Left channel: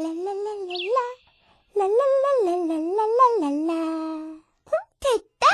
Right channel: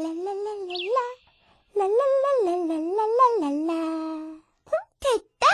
啦啦啦啦啦，啦啦啦啦啦啦啦啦。红皮蛋。